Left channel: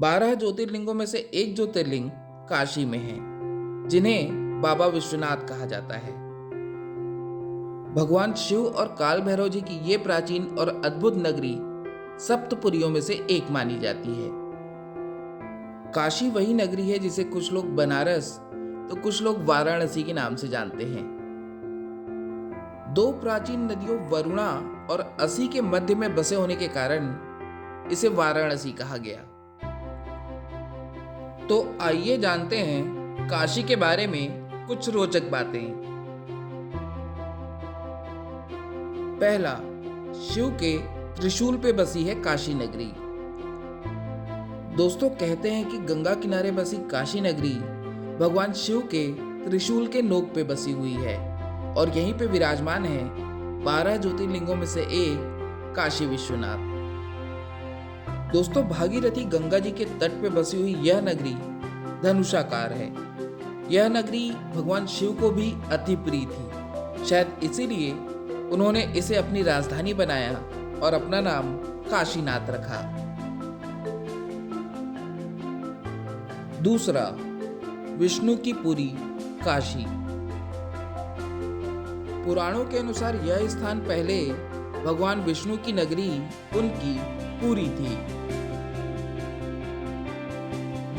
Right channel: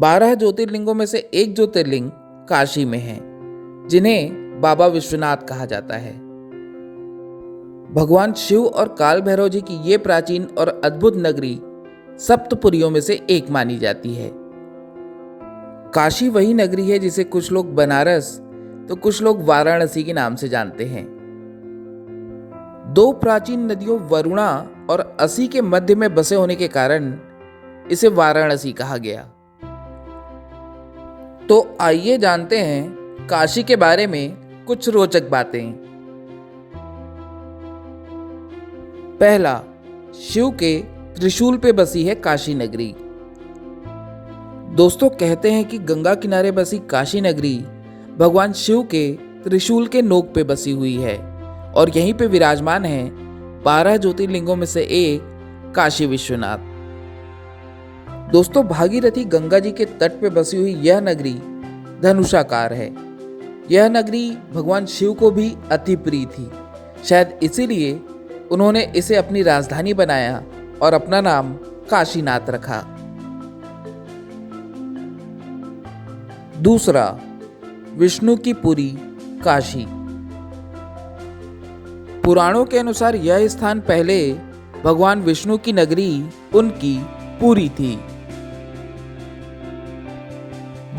12 ज्योतिर्लिंगों में से एक ज्योतिर्लिंग काशी में है, जिन्हें बाबा विश्वनाथ कहा जाता है। भगवान शिव और काल भैरव जी की ये प्राचीन और अद्भुत नगरी सप्तपुरियों में से एक मानी जाती है। काशी वही नगरी है जिसे कुछ लोग बनारस तो कुछ लोग वाराणसी के नाम से जानते हैं। दो प्राचीन नदियों वरुणा और असी के मध्य में बसे होने के कारण इसे वाराणसी कहा गया। तो आइए जानते हैं काशी के बारे में कुछ रोचक बातें। पहला, शिव के त्रिशूल पे बसी है काशी नगरी। दोस्तों, कहते हैं कि गंगा किनारे बसी काशी नगरी भगवान शिव के त्रिशूल के नोक पे बसी हुई है और यहीं पे विराजमान है 12 ज्योतिर्लिंगों में से एक काशी विश्वनाथ। दोस्तों, भागीरथी गंगा जी के तट पे बसी हुई यह नगरी धनुषाकार है। यह नगरी भगवान शिव को भी अति प्रिय थी। शायद इसीलिए उन्होंने इसे अपनी राजधानी बनाया और अपना नाम काशीनाथ रखा। दूसरा, विष्णु की पुरी काशी। पुराणों के अनुसार यह स्थान पहले भगवान विष्णु की नगरी उनकी पुरी थी।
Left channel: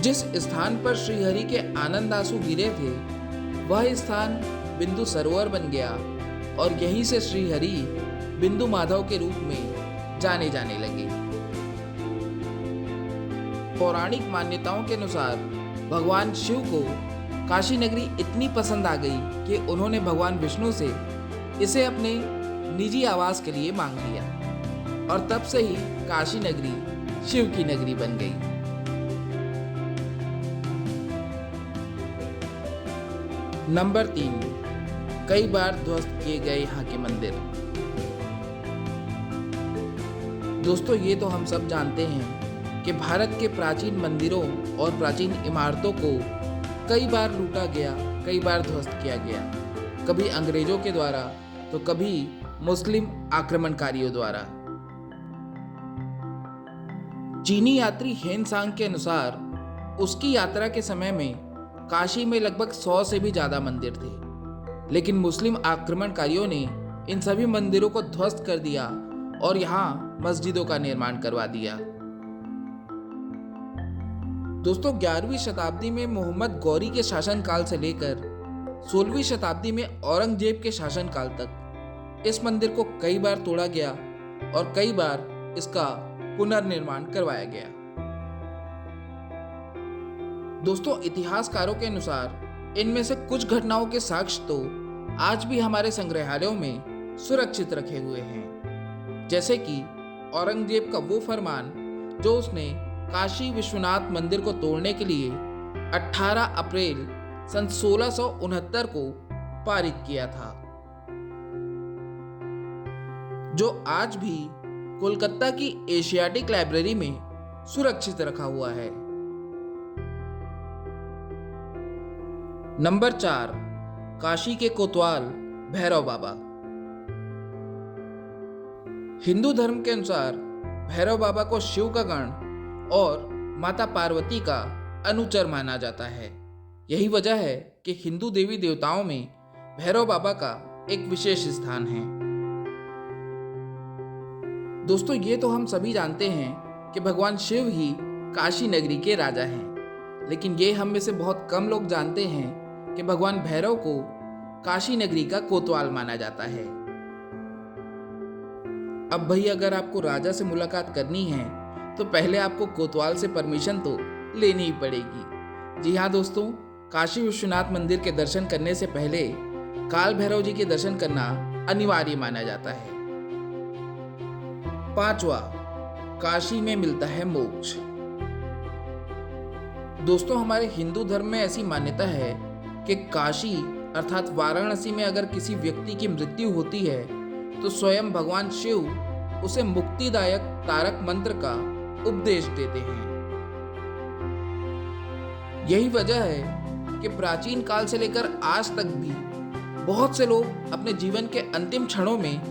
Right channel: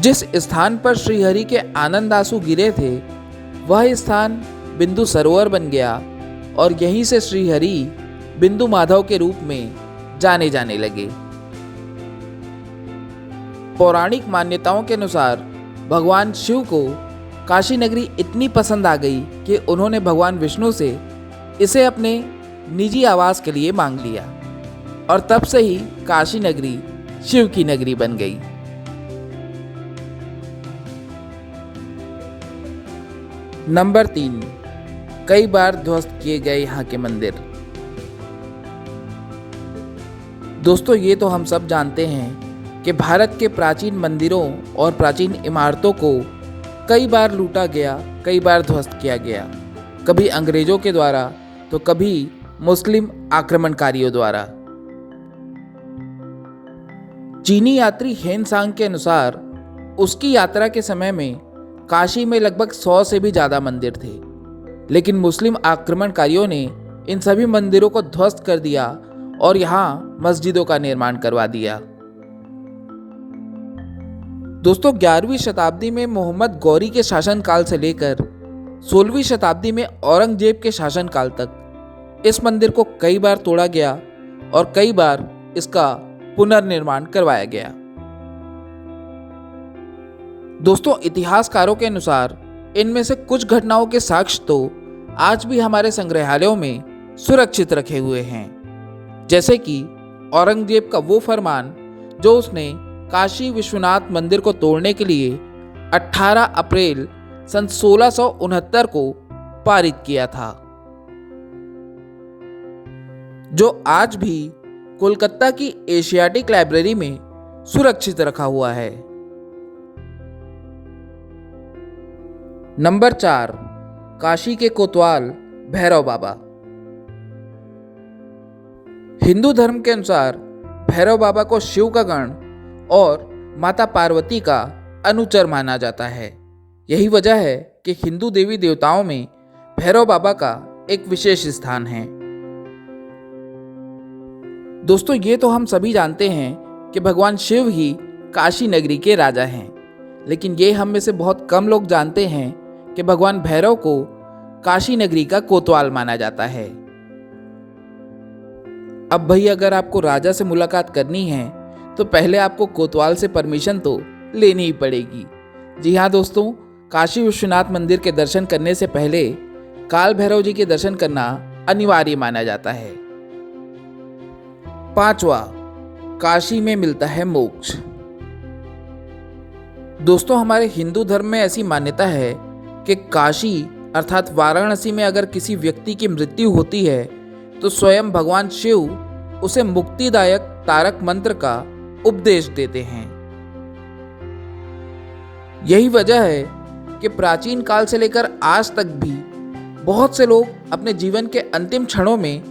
जिस स्थान पर श्रीहरि के आनंद आंसू गिरे थे वह स्थान बिंदु सरोवर बन गया और यहीं से श्रीहरि बिंदु माधव के रूप में जाने जाने लगे। पौराणिक मान्यताओं के अनुसार भगवान शिव को काशी नगरी इतनी पसंद आ गई कि उन्होंने भगवान विष्णु से इसे अपने निजी आवास के लिए मांग लिया और तब से ही काशी नगरी शिव की नगरी बन गई। नंबर 3, कई बार ध्वस्त किए गए यहाँ के मंदिर। दोस्तों, ये तो हम सब जानते हैं कि भारत के प्राचीन मंदिरों और प्राचीन इमारतों को कई बार लूटा गया, कई बार ध्वस्त किया गया, कभी अंग्रेजों के द्वारा तो कभी मुस्लिम आक्रमणकारियों द्वारा। चीनी यात्री हेन सांग के अनुसार उसकी यात्रा के समय में काशी में लगभग 100 से भी ज्यादा मंदिर थे, लेकिन मुस्लिम आक्रमणकारियों ने इन सभी मंदिरों को ध्वस्त कर दिया और यहाँ मस्जिदों का निर्माण करवा दिया। दोस्तों, 11वीं शताब्दी में मोहम्मद गौरी के शासनकाल से लेकर 16वीं शताब्दी में औरंगजेब के शासनकाल तक इस मंदिर को कई बार तोड़ा गया और कई बार इसका पुनर्निर्माण करवाया गया। दोस्तों, इतिहासकारों के अनुसार इनमें से कुछ घटनाओं के साक्ष्य तो आज भी हमारे संग्रहालयों में सुरक्षित रखे हुए हैं, जैसे कि औरंगजेब का वो फरमान जो उसने काशी विश्वनाथ मंदिर को तोड़ने के लिए 18 अप्रैल सन 1669 को पारित किया था, जो आज भी कोलकाता की एशियाटिक लाइब्रेरी में सुरक्षित रखा हुआ है। नंबर 4, काशी के कोतवाल भैरव बाबा। हिंदू धर्म के अनुसार भैरव बाबा को शिव का गण और माता पार्वती का अनुचर माना जाता है। यही वजह है कि हिंदू देवी देवताओं में भैरव बाबा का एक विशेष स्थान है। दोस्तों, ये तो हम सभी जानते हैं कि भगवान शिव ही काशी नगरी के राजा हैं, लेकिन ये हम में से बहुत कम लोग जानते हैं कि भगवान भैरव को काशी नगरी का कोतवाल माना जाता है। अब भाई, अगर आपको राजा से मुलाकात करनी है तो पहले आपको कोतवाल से परमिशन तो लेनी ही पड़ेगी। जी हाँ दोस्तों, काशी विश्वनाथ मंदिर के दर्शन करने से पहले काल भैरव जी के दर्शन करना अनिवार्य माना जाता है। 5वां, काशी में मिलता है मोक्ष। दोस्तों, हमारे हिंदू धर्म में ऐसी मान्यता है कि काशी अर्थात वाराणसी में अगर किसी व्यक्ति की मृत्यु होती है तो स्वयं भगवान शिव उसे मुक्तिदायक तारक मंत्र का उपदेश देते हैं। यही वजह है कि प्राचीन काल से लेकर आज तक भी बहुत से लोग अपने जीवन के अंतिम क्षणों में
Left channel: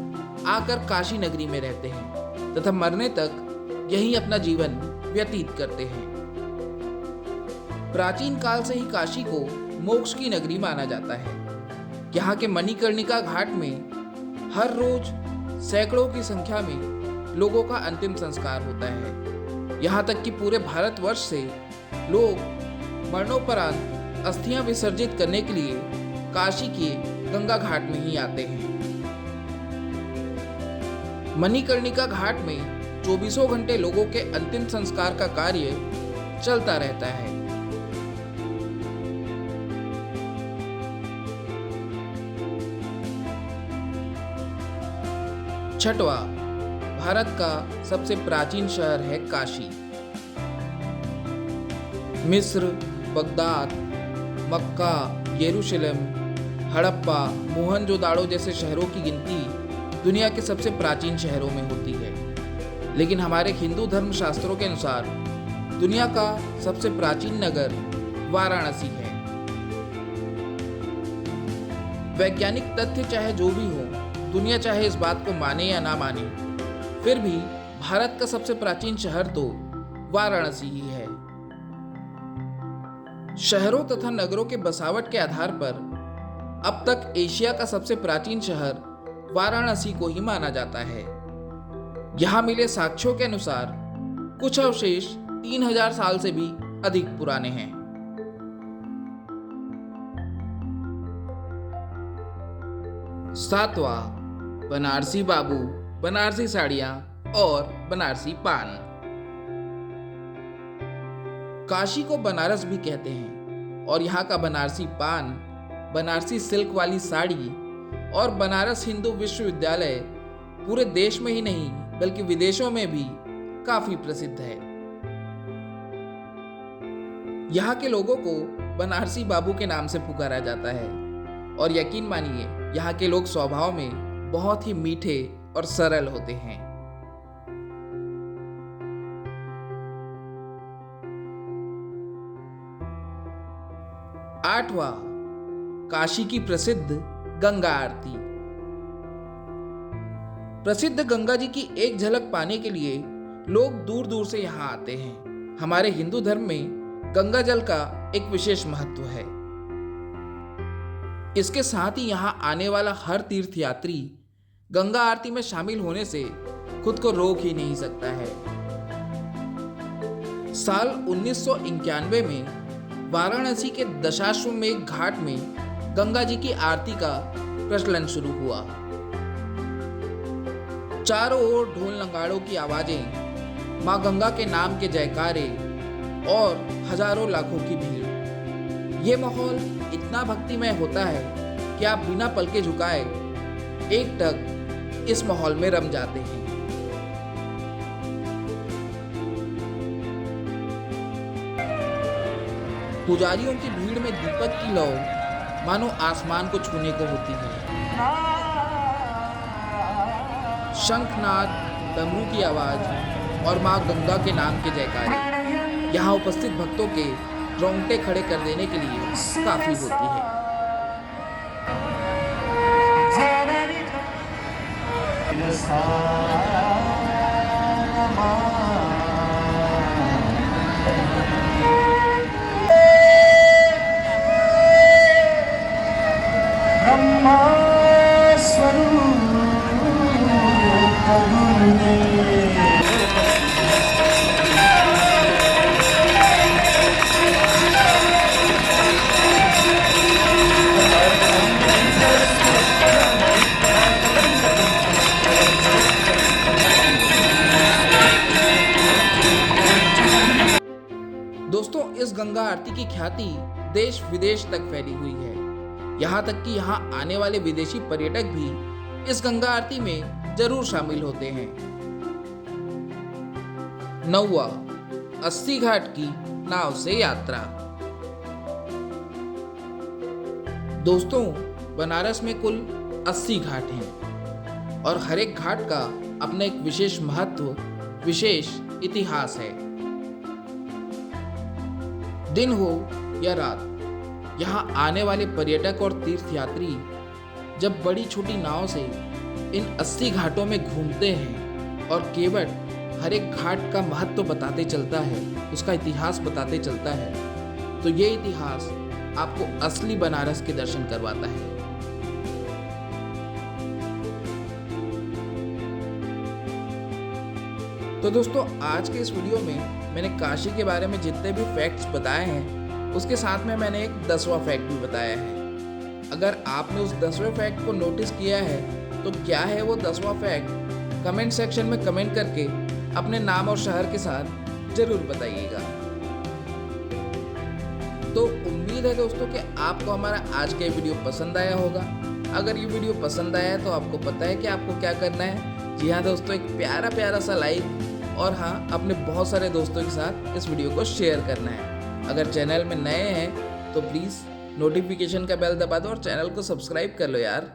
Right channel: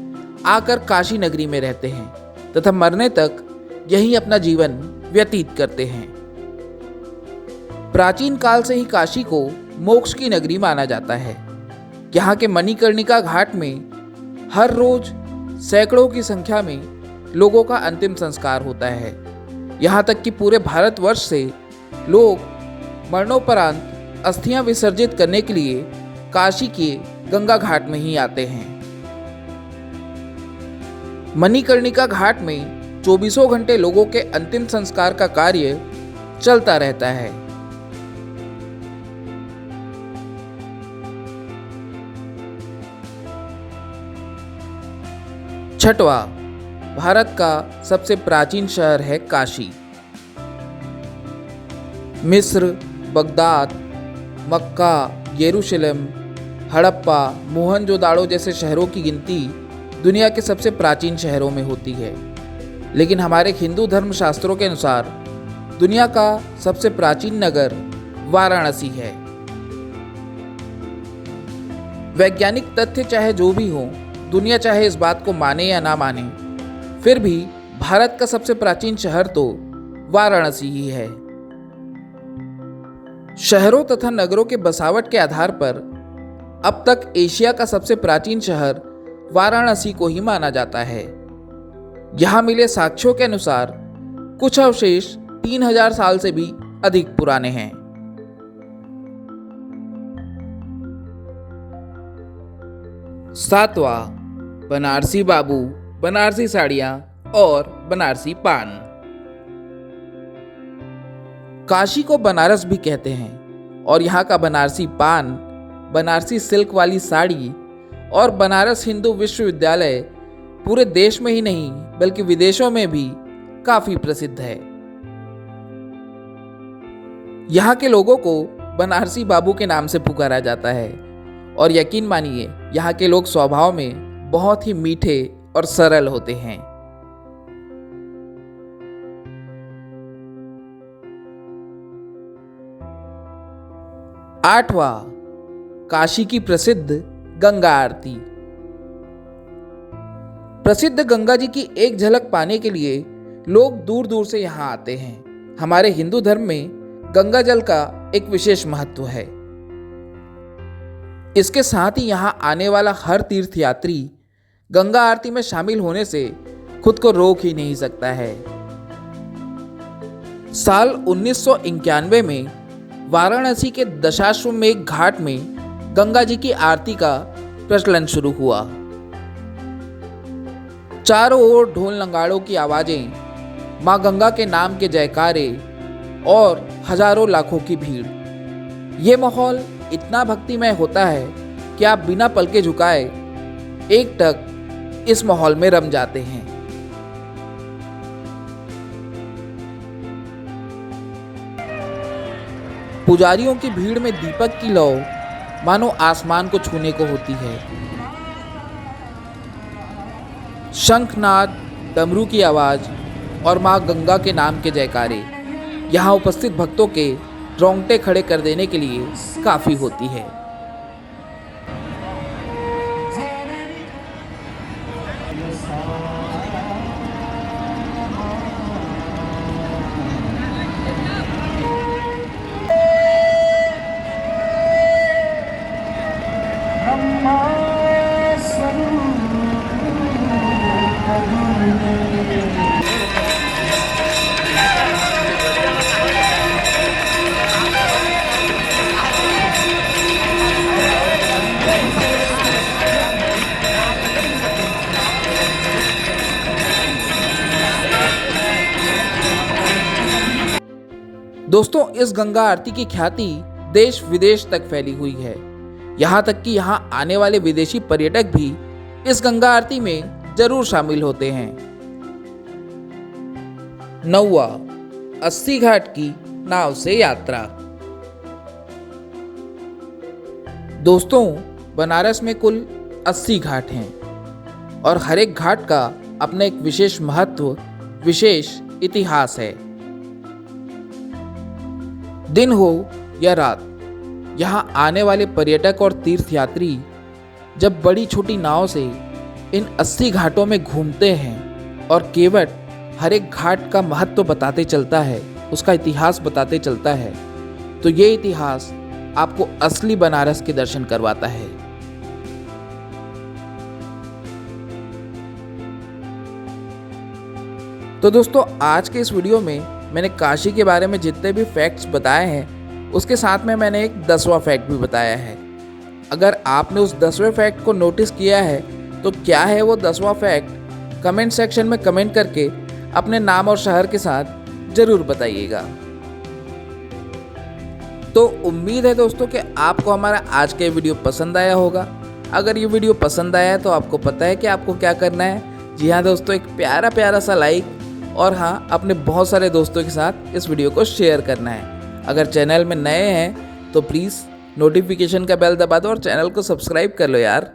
आकर काशी नगरी में रहते हैं तथा मरने तक यही अपना जीवन व्यतीत करते हैं। प्राचीन काल से ही काशी को मोक्ष की नगरी माना जाता है। यहाँ के मणिकर्णिका घाट में हर रोज सैकड़ों की संख्या में लोगों का अंतिम संस्कार होता है। यहाँ तक कि पूरे भारतवर्ष से लोग मरणोपरांत अस्थियां विसर्जित करने के लिए काशी के गंगा घाट में ही आते हैं। मणिकर्णिका घाट में 24 घंटे लोगों के अंतिम संस्कार का कार्य चलता रहता है। छठवां, भारत का सबसे प्राचीन शहर है काशी। मिस्र, बगदाद, मक्का, यरूशलेम, हड़प्पा, मोहनजोदाड़ो जैसे शहरों की गिनती दुनिया के सबसे प्राचीन शहरों में होती है। लेकिन हमारे हिंदू धर्म शास्त्रों के अनुसार दुनिया का सबसे प्राचीन नगर वाराणसी है। वैज्ञानिक तथ्य चाहे जो भी हो, दुनिया चाहे इस बात को माने या ना माने, फिर भी भारत का सबसे प्राचीन शहर तो वाराणसी ही है। शहरों तथा नगरों के बसावट के आधार पर अब तक एशिया का सबसे प्राचीन शहर वाराणसी को ही माना जाता है। यहां मिले साक्ष्यों के अनुसार कुछ अवशेष 3000 साल से भी अधिक पुराने हैं। सातवां, बनारसी बाबू, बनारसी साड़ियां और बनारसी पान। काशी को बनारस भी कहते हैं और यहाँ का बनारसी पान, बनारसी सिल्क वाली साड़ी और बनारस हिंदू विश्वविद्यालय पूरे देश में ही नहीं बल्कि विदेशों में भी काफी प्रसिद्ध है। यहाँ के लोगों को बनारसी बाबू के नाम से पुकारा जाता है और यकीन मानिए यहाँ के लोग स्वभाव में बहुत ही मीठे और सरल होते हैं। आठवां, काशी की प्रसिद्ध गंगा आरती। प्रसिद्ध गंगा जी की एक झलक पाने के लिए लोग दूर दूर से यहां आते हैं। हमारे हिंदू धर्म में गंगा जल का एक विशेष महत्व है। इसके साथ ही यहां आने वाला हर तीर्थयात्री गंगा आरती में शामिल होने से खुद को रोक ही नहीं सकता है। साल 1991 में वाराणसी के दशाश्वमेध घाट में गंगा जी की आरती का प्रचलन शुरू हुआ। चारों ओर ढोल नगाड़ों की आवाजें, मां गंगा के नाम के जयकारे और हजारों लाखों की भीड़। ये माहौल इतना भक्तिमय होता है कि आप बिना पलके झुकाए एकटक इस माहौल में रम जाते हैं। पुजारियों की भीड़ में दीपक की लौ मानो आसमान को छूने को होती है। शंखनाद, डमरू की आवाज और मां गंगा के नाम के जयकारे यहाँ उपस्थित भक्तों के रोंगटे खड़े कर देने के लिए काफी होती है। दोस्तों, इस गंगा आरती की ख्याति देश विदेश तक फैली हुई है। यहाँ तक कि यहाँ आने वाले विदेशी पर्यटक भी इस गंगा आरती में जरूर शामिल होते हैं। 9वां, अस्सी घाट की नाव से यात्रा। दोस्तों, बनारस में कुल 80 घाट हैं और हर एक घाट का अपना एक विशेष महत्व, विशेष इतिहास है। दिन हो या रात, यहाँ आने वाले पर्यटक और तीर्थयात्री जब बड़ी छोटी नाव से इन 80 घाटों में घूमते हैं और केवट हर एक घाट का महत्व बताते चलता है, उसका इतिहास बताते चलता है, तो ये इतिहास आपको असली बनारस के दर्शन करवाता है। तो दोस्तों, आज के इस वीडियो में मैंने काशी के बारे में जितने भी फैक्ट्स बताए हैं उसके साथ में मैंने एक 10वां फैक्ट भी बताया है। अगर आपने उस 10वें फैक्ट को नोटिस किया है तो क्या है वो 10वां फैक्ट, कमेंट सेक्शन में कमेंट करके अपने नाम और शहर के साथ ज़रूर बताइएगा। तो उम्मीद है दोस्तों कि आपको हमारा आज का वीडियो पसंद आया होगा। अगर ये वीडियो पसंद आया है तो आपको पता है कि आपको क्या करना है। जी हाँ दोस्तों, एक प्यारा प्यारा सा लाइक और हाँ, अपने बहुत सारे दोस्तों के साथ इस वीडियो को शेयर करना है। अगर चैनल में नए हैं तो प्लीज़ नोटिफिकेशन का बेल दबा दो और चैनल को सब्सक्राइब कर लो यार।